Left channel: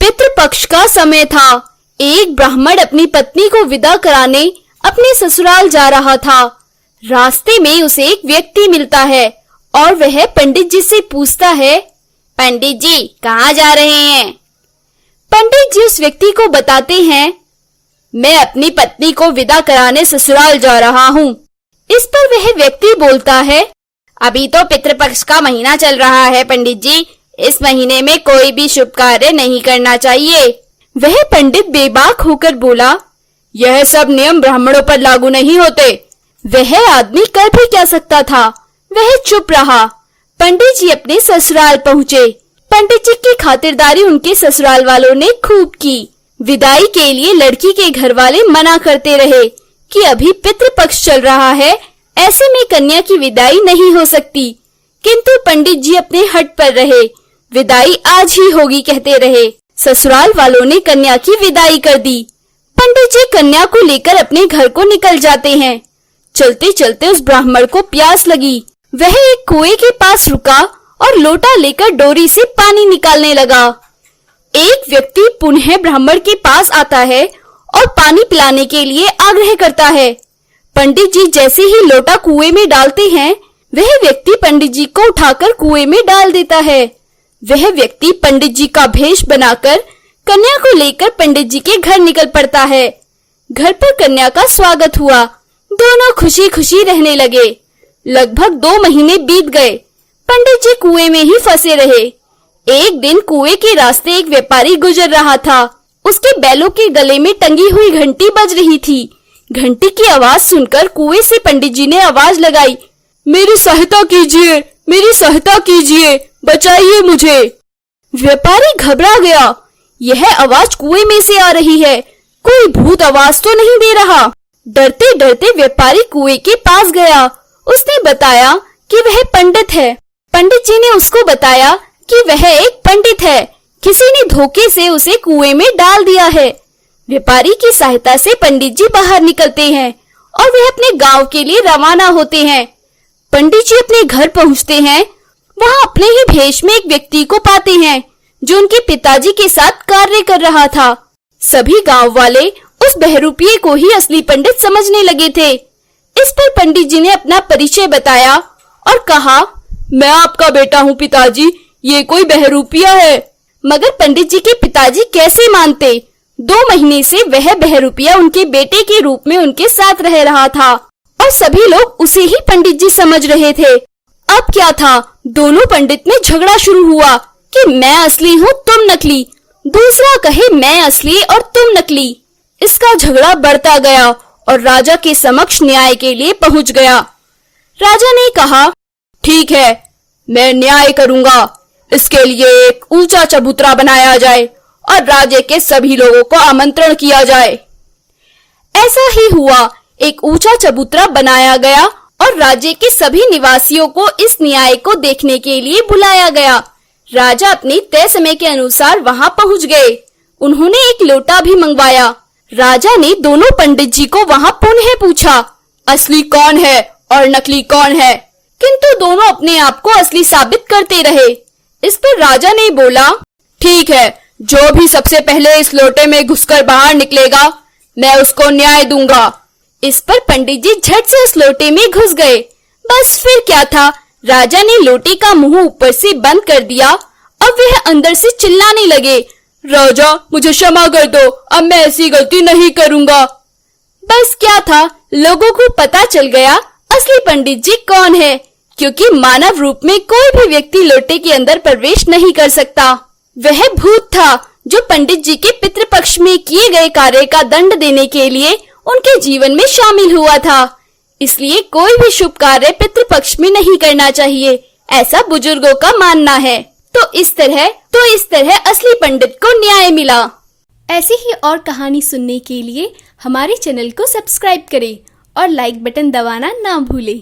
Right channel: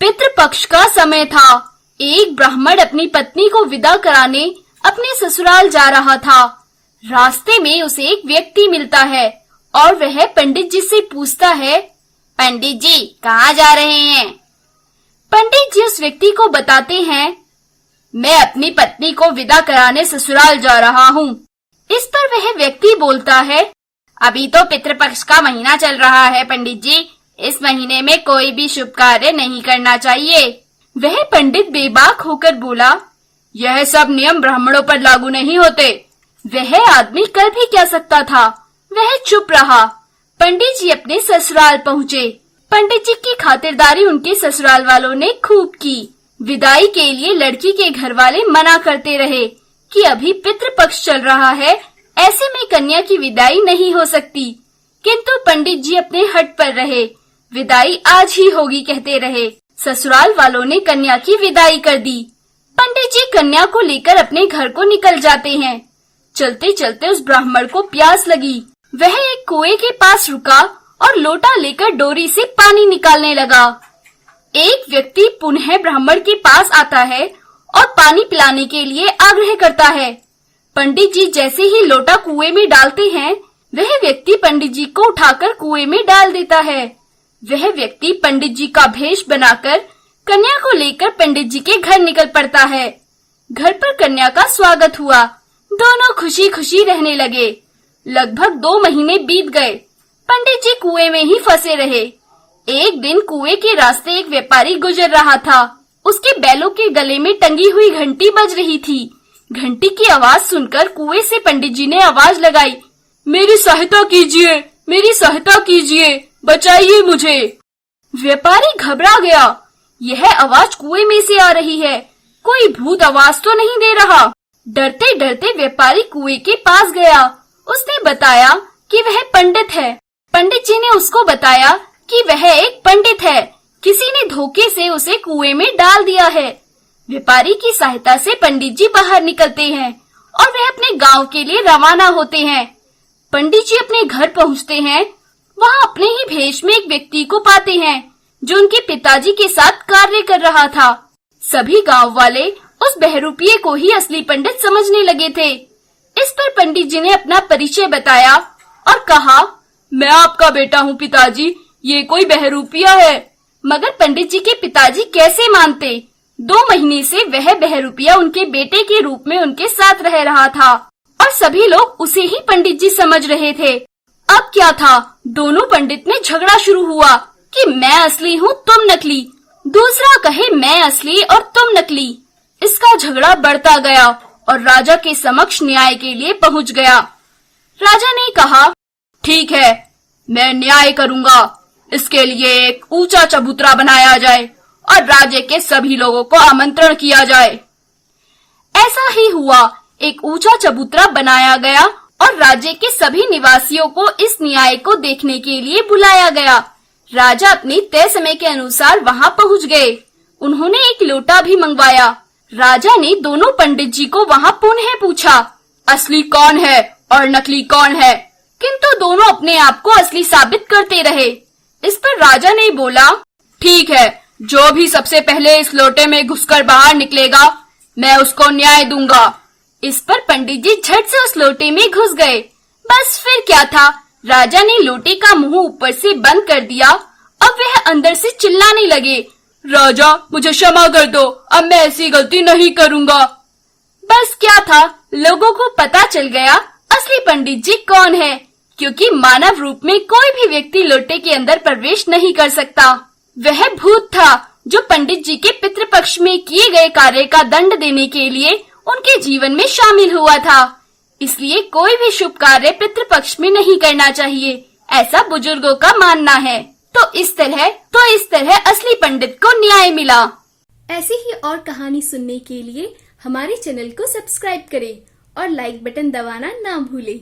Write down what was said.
पितृपक्ष का समय था। एक ब्राह्मण अपनी पत्नी को विदा कराने अपने ससुराल जा रहा था। रास्ते में उसे एक व्यक्ति मिलता है और वह पंडित जी से पूछता है, पंडित जी कहाँ जा रहे हैं? पंडित जी उस व्यक्ति को बताते हैं, मैं अपनी पत्नी को विदा कराने ससुराल जा रहा हूँ। इस पर वह व्यक्ति बोलता है, अभी तो पितृपक्ष का महीना चल रहा है पंडित जी, इस महीने में कोई भी शुभ कार्य नहीं करना चाहिए। वह पंडित बेबाक होकर बोला, यह सब नियम ब्राह्मणों पर लागू नहीं होते। वह आदमी कर भी क्या सकता था, वह चुप रहा। पंडित जी अपने ससुराल पहुँचे। पंडित जी की खातिरदारी उनके ससुराल वालों ने खूब की। विदाई के लिए लड़की के घर वाले मना करते रहे कि अभी पितृपक्ष चल रहा है, ऐसे में कन्या की विदाई नहीं हो सकती। किंतु पंडित जी अपने हट पर रहे, विदाई आज ही होगी कहते रहे। ससुराल वालों ने कन्या की विदाई कर दी। पंडित जी कन्या को लेकर अपने घर को निकल जाते हैं। चलते चलते उस ब्राह्मण को प्यास लगी। वह एक कुएं के पास रुका और लोटा लेकर डोरी से पानी निकालने लगा। एक व्यक्ति पुनः ब्राह्मण के पास आता है और पानी पिलाने के लिए आग्रह करता है। पंडित जी जैसे ही लोटा कुएं में डालते हैं, वह व्यक्ति पंडित जी को उठाकर कुएं में डाल देता है। वह व्यक्ति पंडित जी का भेष बनाकर कन्या को लेकर पंडित जी के घर निकल पड़ता है। घर पर कन्या का स्वागत हुआ। दोनों खुशी खुशी रहने लगे। लगभग 2 महीने बीत गए। पंडित जी कुएं में ही फंसे रहे। एक दिन कुएं के रास्ते एक व्यापारी गुजर रहा था। उसके बैलों के गले में टंगी हुई घंटी बज रही थी। घंटी की आवाज सुनकर कुएं से पंडित जी ने आवाज लगाई, मेरी सहायता कीजिए, मेरी सहायता कीजिए, बचाइए मुझे। व्यापारी घबरा गया। यह आवाज कुएं में से आ रही है, कोई भूत आवाज तो नहीं दे रहा। डरते डरते व्यापारी कुएं के पास गया। उसने बताया कि वह पंडित है। पंडित जी ने उसको बताया कि वह एक पंडित है, किसी ने धोखे से उसे कुएं में डाल दिया है। व्यापारी की सहायता से पंडित जी बाहर निकलते हैं और वह अपने गांव के लिए रवाना होते हैं। पंडित जी अपने घर पहुंचते हैं। वहां अपने ही भेष में एक व्यक्ति को पाते हैं जो उनके पिताजी के साथ कार्य कर रहा था। सभी गांव वाले उस बहरूपिये को ही असली पंडित समझने लगे थे। इस पर पंडित जी ने अपना परिचय बताया और कहा, मैं आपका बेटा हूँ पिताजी, ये कोई बहरूपिया है। मगर पंडित जी के पिताजी कैसे मानते। 2 महीने से वह बहरूपिया उनके बेटे के रूप में उनके साथ रह रहा था और सभी लोग उसे ही पंडित जी समझ रहे थे। अब क्या था, दोनों पंडित में झगड़ा शुरू हुआ कि मैं असली हूँ तुम नकली, दूसरा कहे मैं असली और तुम नकली। इसका झगड़ा बढ़ता गया और राजा के समक्ष न्याय के लिए पहुंच गया। राजा ने कहा, ठीक है, मैं न्याय करूंगा। इसके लिए एक ऊंचा चबूतरा बनाया जाए और राज्य के सभी लोगों को आमंत्रण किया जाए। ऐसा ही हुआ। एक ऊंचा चबूतरा बनाया गया और राज्य के सभी निवासियों को इस न्याय को देखने के लिए बुलाया गया। राजा अपने तय समय के अनुसार वहां पहुंच गए। उन्होंने एक लोटा भी मंगवाया। राजा ने दोनों पंडित जी को वहां पुनः पूछा, असली कौन है और नकली कौन है? किंतु दोनों अपने आप को असली साबित करते रहे। इस पर राजा ने बोला, ठीक है, जो भी सबसे पहले इस लोटे में घुसकर बाहर निकलेगा, मैं उसको न्याय दूंगा। इस पर पंडित जी झट से उस लोटे में घुस गए। बस फिर क्या था, राजा ने लोटे का मुंह ऊपर से बंद कर दिया। अब वह अंदर से चिल्लाने लगे, राजा मुझे क्षमा कर दो, अब मैं ऐसी गलती नहीं करूंगा। बस क्या था, लोगों को पता चल गया असली पंडित जी कौन है, क्योंकि मानव रूप में कोई भी व्यक्ति लोटे के अंदर प्रवेश नहीं कर सकता। वह भूत था जो पंडित जी के पितृपक्ष में किए गए कार्य का दंड देने के लिए उनके जीवन में शामिल हुआ था। इसलिए कोई भी शुभ कार्य पितृपक्ष में नहीं करना चाहिए, ऐसा बुजुर्गों का मानना है। तो इस तरह असली पंडित को न्याय मिला। ऐसी ही और कहानी सुनने के लिए हमारे चैनल को सब्सक्राइब करें और लाइक बटन दबाना ना भूलें।